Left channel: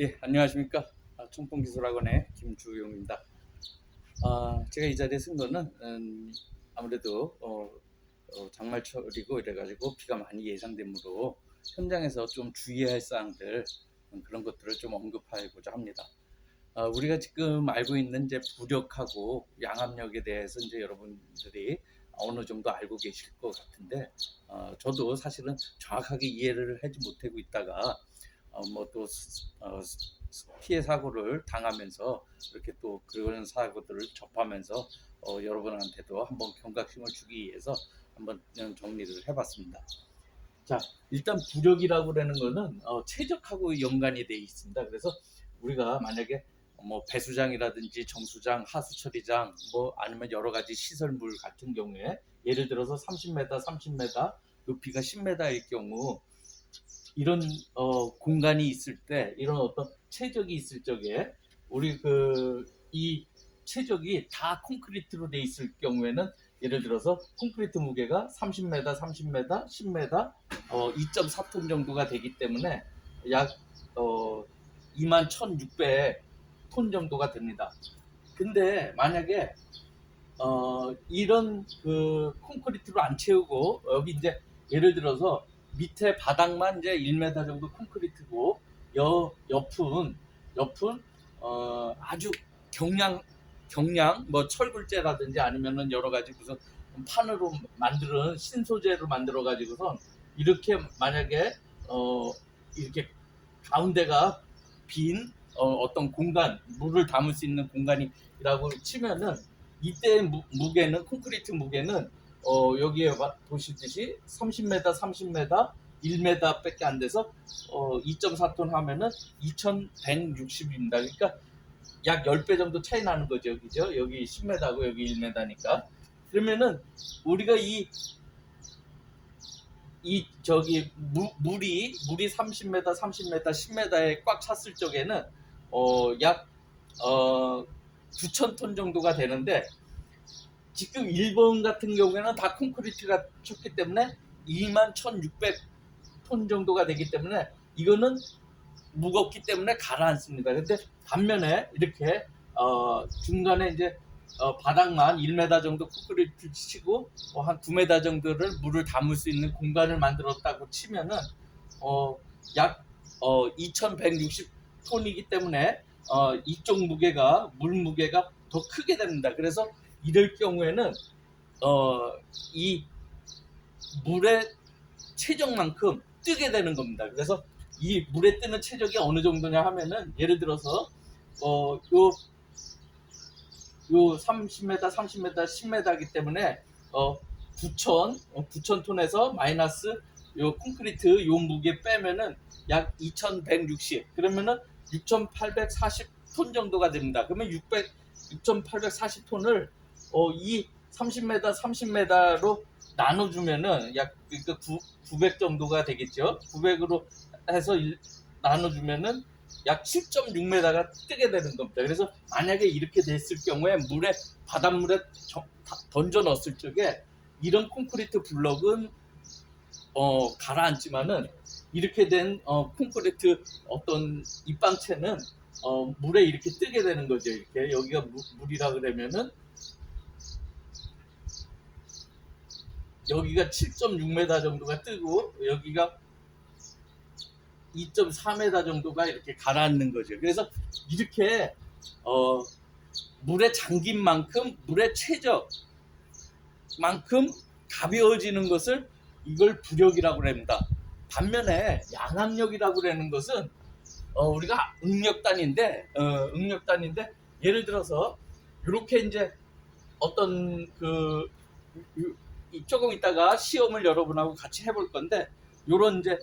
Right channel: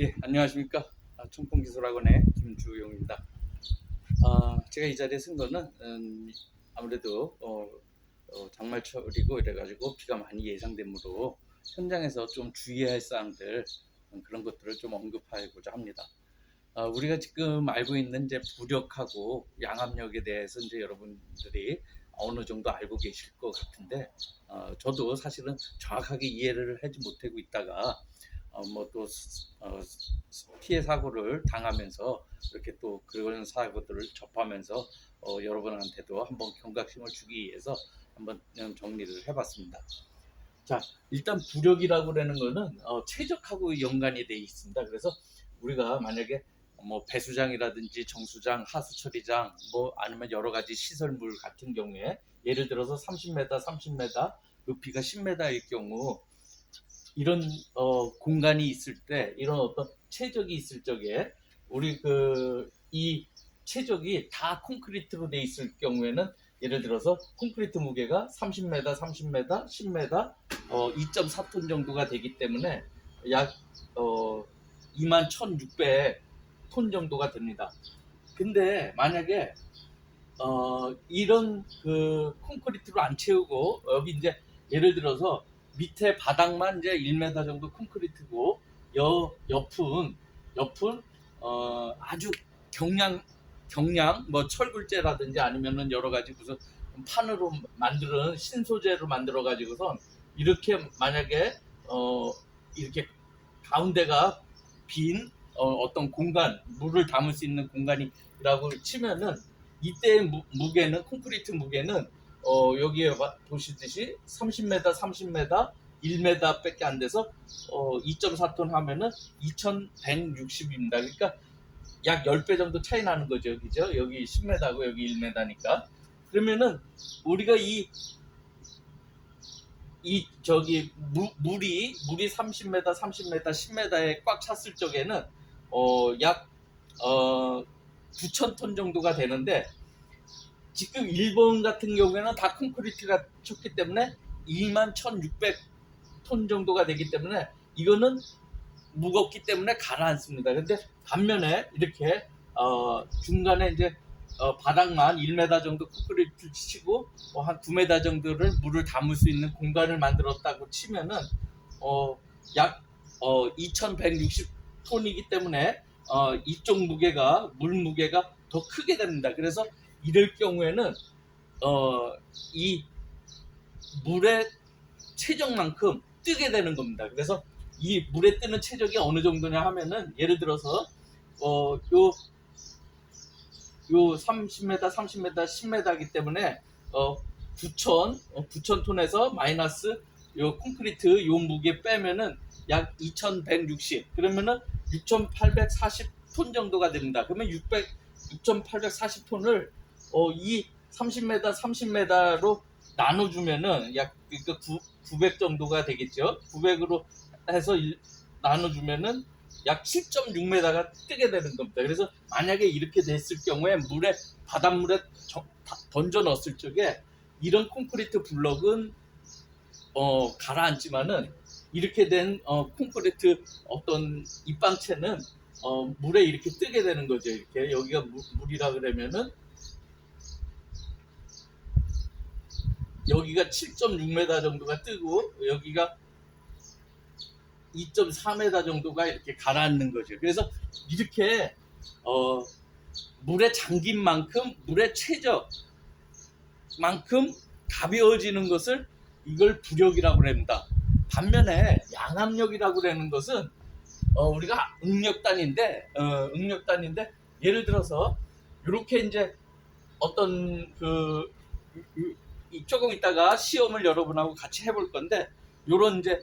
예, 안녕하십니까. 청풍기술학원의 김주용입니다. 제가 이 자리에 쓴 거는 아무래도 장말철이고 이래가지고 비가 많이 예상되므로 현장에서 좀 주의해야 할 사항들, 그런 것들을 좀 언급하고자 합니다. 우리가 지금 알고 있는 이제 부력하고 양압력에 대해서 이제 여러분들이 어느 정도 알고 계실 것 같은데, 저도 사실은 정확하게 이해를 하지 못하고 있다가 뭐또 피해 사고를 당하면서 이렇게 또 그런 사고들을 접하면서 여러분한테도 한번 경각심을 주기 위해서 한번 정리를 해봤습니다. 자, 일단 부력이라고 하는 거는 최적하고 연관이 돼 있습니다. 그래서 우리가 만약에 뭐 배수장이라든지 정수장, 하수처리장, 뭐 아니면 여러 가지 시설물 같은 경우에 예를 들어서 30m, 30m, 높이가 10m일 경우 이런 공간이 있을 때 이런 어떤 최적이 있을 적에 우리 이 최적이 다 콘크리트로 돼 있을 경우에는 예를 들어서 콘크리트 무게가 30m, 30m, 10m, 2.4톤 정도가 되기 때문에 약 21,600톤 정도가 됩니다. 근데 만약에 이런 콘크리트로 안 채우고 여기 이제 예를 들어서 밑에 바닥만 이제 1m 정도 콘크리트고 옆은 아주 경량 뭐 철굴재라든지 아니면은 여러 가지 무슨 판으로 만드는 신소재로 만들어 가지고선 이렇게 만약에 이렇게 가운데가 빈 어떤 공간, 물을 담을 수 있는 공간이라고 치면은 이때 무게는 콘크리트 무게는 여기에 보시듯이 30m, 30m, 1m 밖에 안 돼서 2.4톤 하면은 2160입니다. 그러니까 약 10배 정도 차이 나는 거죠. 그죠? 여기 10m고 여기 1m니까. 그러면은 우리가 물이 30m, 30m, 10m에 꽉 찼을 적에는 약 9,000톤 정도가 되는데 지금 일본 같은 경우에는 다 콘크리트가 쳤기 때문에 21,600톤 정도가 되기 때문에 이거는 무겁기 때문에 가라앉습니다. 근데 반면에 이렇게 중간에 이제 바닥만 1m 정도 콘크리트 치고 한 2m 정도를 물을 담을 수 있는 공간을 만들었다고 치면은 약 2,160톤이기 때문에 이쪽 무게가 물 무게가 더 크게 됩니다. 그래서 이럴 경우에는 이 물의 체적만큼 뜨게 되는 겁니다. 그래서 이 물에 뜨는 체적이 어느 정도냐 하면은 예를 들어서 요 30m, 30m, 10m이기 때문에 9,000 톤에서 마이너스 요 콘크리트 요 무게 빼면은 약 2,160 그러면은 6,840톤 정도가 됩니다. 그러면 6,840톤을 이 30m, 30m로 나눠주면은 약 900 정도가 되겠죠. 900으로 해서 나눠주면은 약 7.6m가 뜨게 되는 겁니다. 그래서 만약에 이렇게 됐을 경우에 바닷물에 던져 넣었을 적에 이런 콘크리트 블럭은 가라앉지만은 이렇게 된 콘크리트 어떤 입방체는 물에 이렇게 뜨게 되는 거죠. 이렇게 여기가 물이라 그러면은 여기가 7.6m 정도가 뜨고 여기가 2.4m 정도가 이렇게 가라앉는 거죠. 그래서 이렇게 물에 잠긴 만큼 물의 최저만큼 가벼워지는 것을 이걸 부력이라고 합니다. 반면에 양압력이라고 하는 것은 우리가 응력단인데 예를 들어서 이렇게 이제 어떤 조금 있다가 시험을 여러분하고 같이 해볼 건데 요런 이제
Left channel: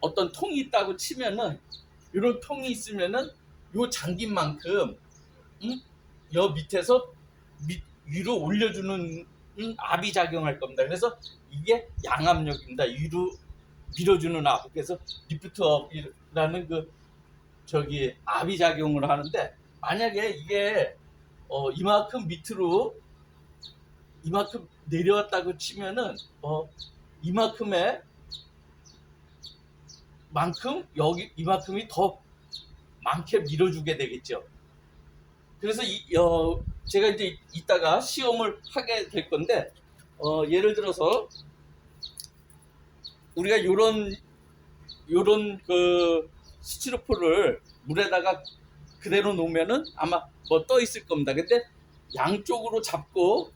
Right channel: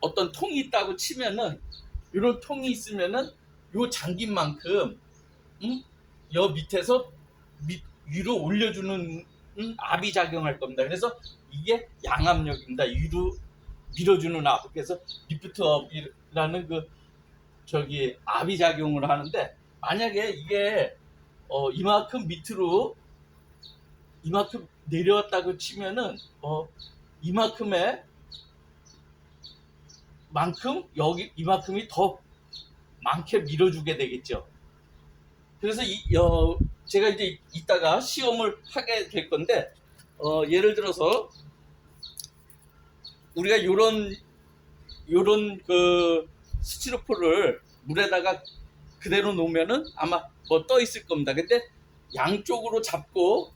어떤 통이 있다고 치면은 이런 통이 있으면은 요 잠긴 만큼 여 밑에서 위로 올려주는 압이 작용할 겁니다. 그래서 이게 양압력입니다. 위로 밀어주는 압. 그래서 리프트 업이라는 압이 작용을 하는데 만약에 이게 이만큼 밑으로 이만큼 내려왔다고 치면은 이만큼의 만큼 여기 이만큼이 더 많게 밀어주게 되겠죠. 그래서 제가 이제 이따가 시험을 하게 될 건데, 예를 들어서 우리가 요런 그 스티로폼을 물에다가 그대로 놓으면은 아마 뭐 떠 있을 겁니다. 근데 양쪽으로 잡고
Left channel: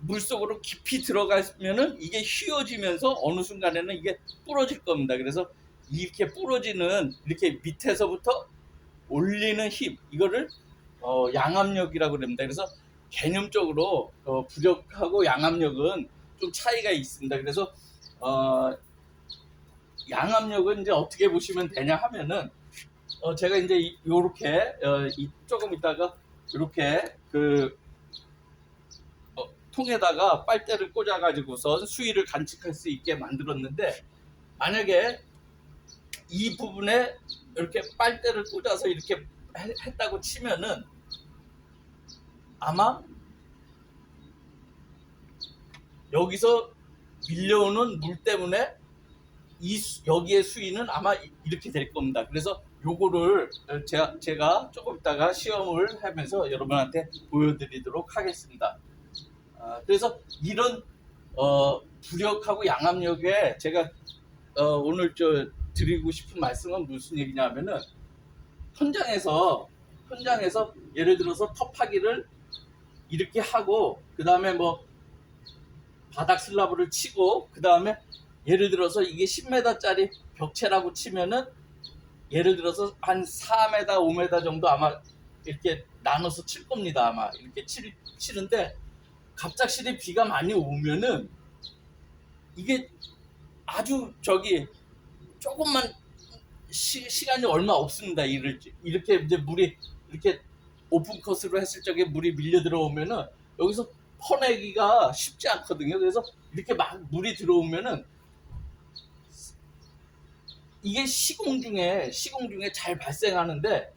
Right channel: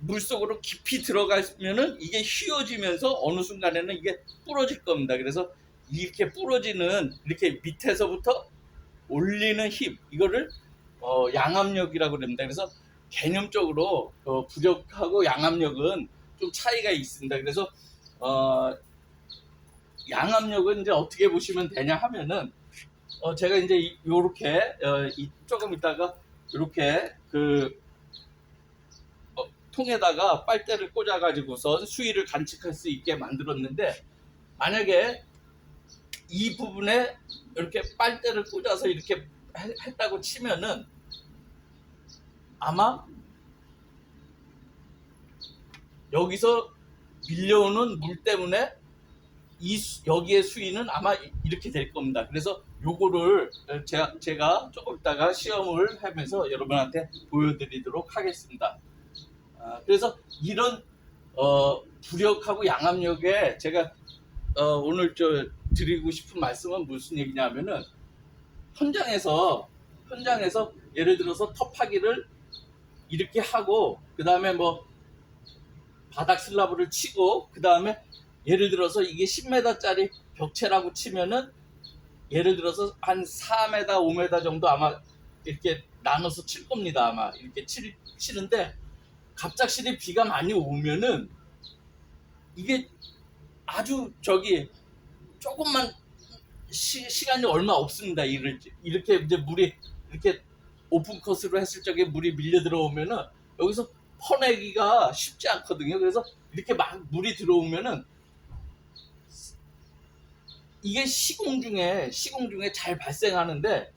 물속으로 깊이 들어가면은 이게 휘어지면서 어느 순간에는 이게 부러질 겁니다. 그래서 이렇게 부러지는, 이렇게 밑에서부터 올리는 힘, 이거를 양압력이라고 그럽니다. 그래서 개념적으로 부력하고 양압력은 좀 차이가 있습니다. 그래서 양압력은 이제 어떻게 보시면 되냐 하면은, 제가 이제 요렇게 조금 있다가 이렇게 그 통에다가 빨대를 꽂아 가지고서 수위를 관측할 수 있게 만들었는데, 만약에 이 부분에 이렇게 빨대를 꽂아서 이렇게 했다고 치면은 아마 여기서 밀려오는 물 때문에 여기의 수위는 아마 이렇게 될 겁니다. 그래서 요거를 제가 조금 있다가 시험을 하면서 여러분한테 보여드리도록 하겠습니다. 그래서 이런 부력하고 양압력에 제가 오늘 드리고 싶은 말씀은 무슨 얘기냐면은, 현장에서 예를 들어서 톱하기를 이렇게 하고, 그 다음에 뭐 바닥 슬라브를 치고, 그 다음에 예를 들어서 이게 10m짜리 벽체라고 치면은 예를 들어서 한 4m, 5m 정도 아마 이렇게 나눠서 칠 겁니다. 아마 이렇게 치는데, 갑작스레 비가 많이 오면은 이게 아주 조금만 시간이 얼마 없습니다. 이렇게 이제 물이 이렇게 오픈 코스로 했을 적에 물이 밀려 들어오면은 여기서 퍼내기가 쉽지 않거든요. 그래서 이렇게 막 물이 들어오면은 이게 시공 중에 잘 발생하는데,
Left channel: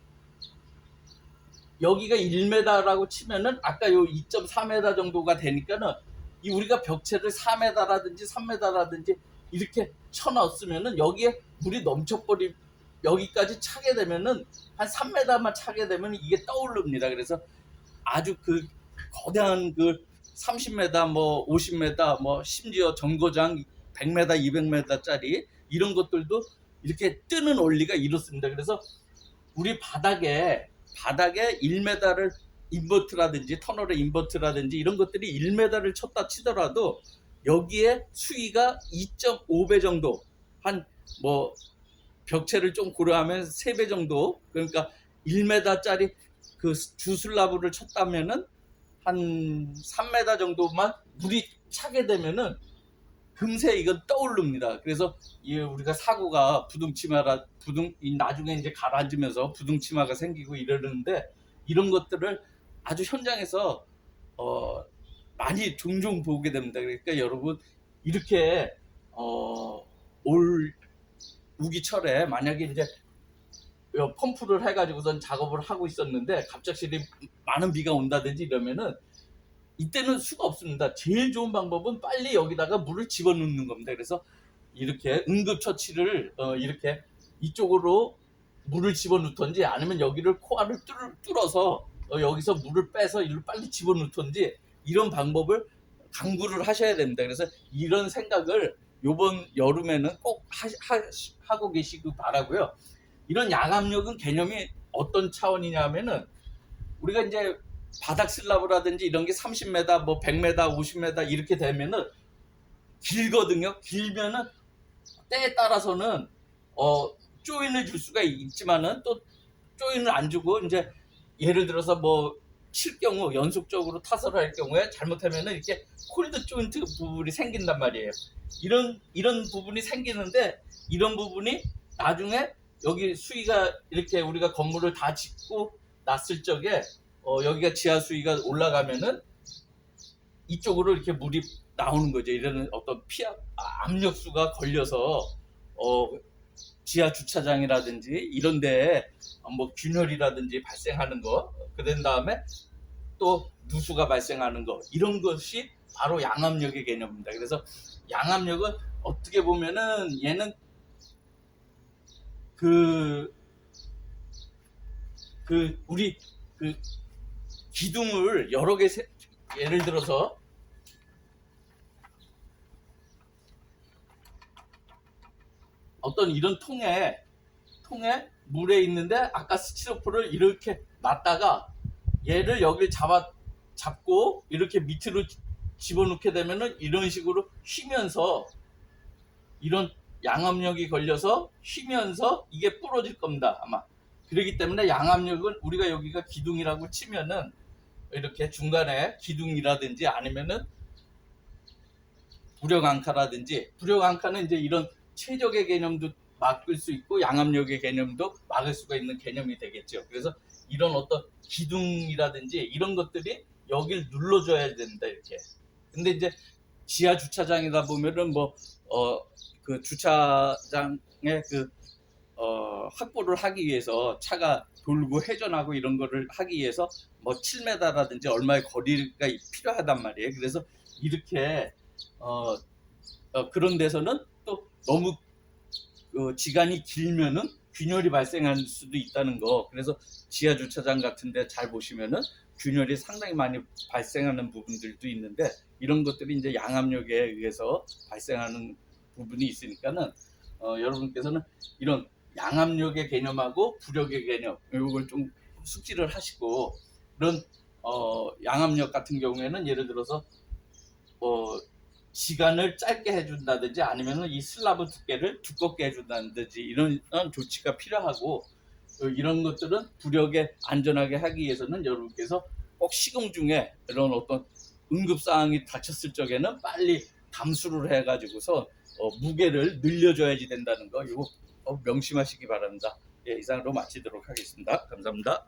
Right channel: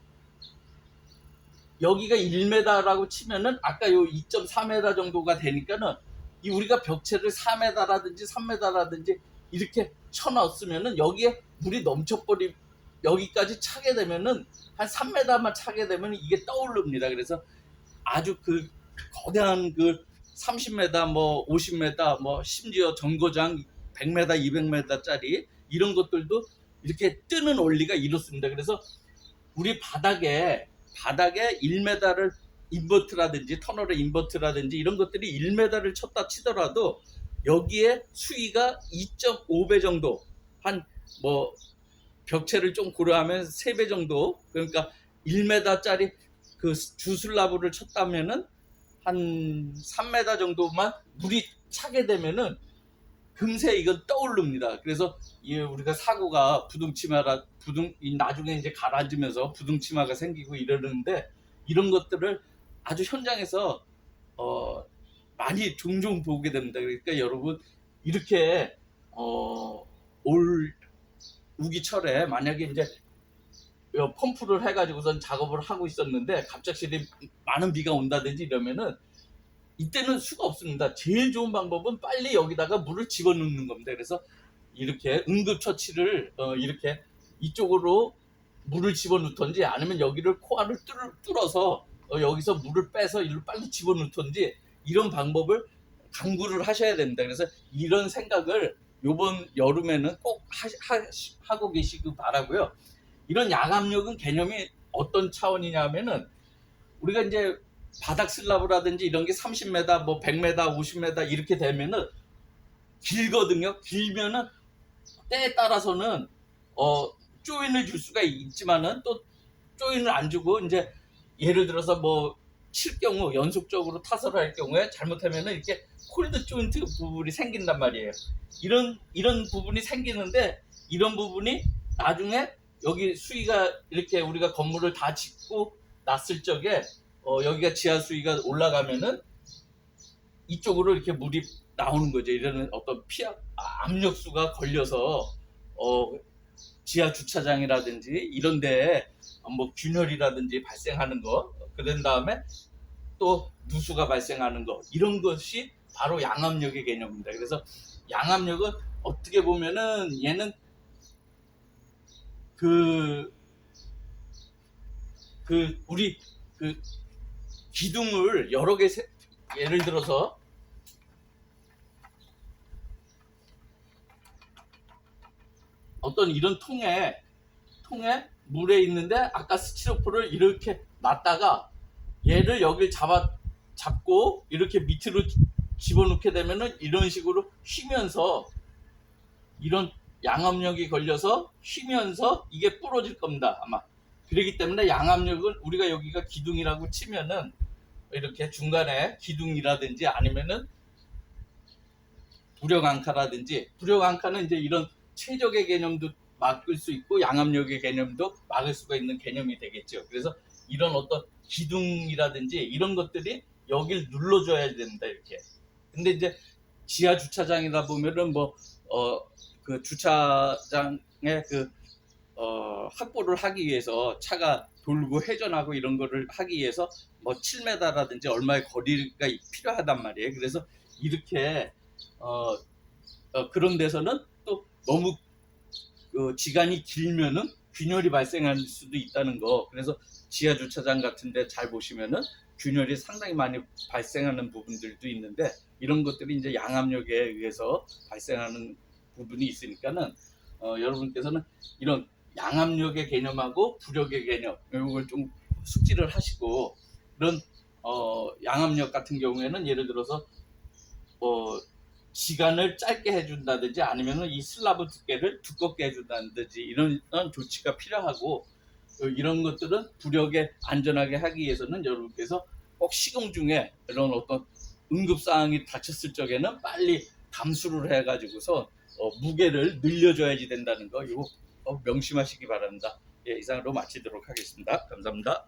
여기가 1m라고 치면은 아까 요 2.4m 정도가 되니까는 이 우리가 벽체를 4m라든지 3m라든지 이렇게 쳐넣었으면은 여기에 물이 넘쳐버리, 여기까지 차게 되면은 한 3m만 차게 되면 이게 떠오릅니다. 그래서 아주 그 거대한 그 30m, 뭐 50m, 뭐 심지어 정거장 100m, 200m짜리 이런 것들도 이렇게 뜨는 원리가 이렇습니다. 그래서 우리 바닥에 1m를 인버트라든지 터널의 인버트라든지 이런 것들이 1m를 쳤다 치더라도 여기에 수위가 2.5배 정도, 한 뭐 벽체를 좀 고려하면 3배 정도, 그러니까 1m짜리 그 주슬라브를 쳤다면은 한 3m 정도만 물이 차게 되면은 금세 이건 떠오릅니다. 그래서 우리가 사고가 나중에 이제 가라앉으면서 부등치마가 생기고 이러는데, 이런 것들을 아주 현장에서 많이 종종 보게 됩니다. 그러니까 여러분, 이렇게 올 우기철에 만약에 이제 펌프를 해가지고선 작업을 하고 있었는데 갑자기 많은 비가 온다든지 이러면은 이때는 수가 없습니다. 제일 좋은 방법은 빨리 여기다가 물을 집어넣는 겁니다. 그래서 이렇게 응급처치를 이렇게 이쪽으로 물을 집어넣던지, 아니면 여기를 코알을 뚫어서 여기서 물을 빼서 이를 빨리 집어넣던지, 이런 방법을 강구를 하셔야 됩니다. 그래서 이런 생각을 이번 여름에는 꼭 하고 계시기 바라고요. 이런 양압력은 개념이 어떤 차원이냐 하면은, 우리가 이제 바닥 슬라브라든지 이런 게 30m, 뭐 100m, 50m 이렇게 되면은 길거든요. 길면은 때에 따라서는 조인을 줄 수가 있지만은 또 조인을 안 주고, 이제 예를 들어서 뭐 칠 경우, 연속적으로 타설을 할 경우에 잘못하면은 이렇게 콜드 조인트 부분이 생긴단 말이에요. 이런 부분이 생기는데, 이런 부분이 나중에 여기 수위가 이렇게 우리가 건물을 다 짓고 났을 적에 여기가 지하 수위가 올라가면은 이쪽으로 이렇게 물이 나오는 거죠. 이런 어떤 압력수가 걸려서 지하 주차장이라든지 이런 데에 뭐 균열이라든지 발생하는 거, 그런 다음에 또 누수가 발생하는 거, 이런 것이 바로 양압력의 개념입니다. 그래서 양압력은 어떻게 보면은 얘는 그 우리 그 기둥을 여러 개 예를 들어서 어떤 이런 통에 물에 있는데 아까 스티로폼을 이렇게 놨다가 얘를 여길 잡고 이렇게 밑으로 집어넣게 되면은 이런 식으로 휘면서 이런 양압력이 걸려서 휘면서 이게 부러질 겁니다 아마. 그렇기 때문에 양압력은 우리가 여기가 기둥이라고 치면은 이렇게 중간에 기둥이라든지 아니면은 부력앙카는 이제 이런 최적의 개념도 막을 수 있고 양압력의 개념도 막을 수가 있는 개념이 되겠죠. 그래서 이런 어떤 기둥이라든지 이런 것들이 여길 눌러줘야 된다 이렇게. 근데 이제 지하 주차장이다 보면은 그 주차장에 확보를 하기 위해서 차가 돌고 회전하고 이런 거를 하기 위해서 7m라든지 얼마의 거리가 필요하단 말이에요. 그래서 이렇게 그런 데서는 또 너무 기간이 길면은 균열이 발생할 수도 있다는 거. 그래서 지하 주차장 같은데 잘 보시면은 균열이 상당히 많이 발생하는 부분들도 있는데 이런 것들이 이제 양압력에 의해서 발생하는 부분이 있으니까는 여러분께서는 이런 양압력의 개념하고 부력의 개념 이걸 좀 숙지를 하시고 이런 양압력 같은 경우에는 예를 들어서 시간을 짧게 해준다든지 아니면은 이 슬라브 두께를 두껍게 해준다든지 이런 조치가 필요하고 이런 것들은 부력에 안전하게 하기 위해서는 여러분께서 꼭 시공 중에 이런 어떤 응급사항이 닥쳤을 적에는 빨리 감수를 해가지고서 무게를 늘려줘야지 된다는 거 이거 명심하시기 바랍니다. 예, 이상으로 마치도록 하겠습니다. 감사합니다.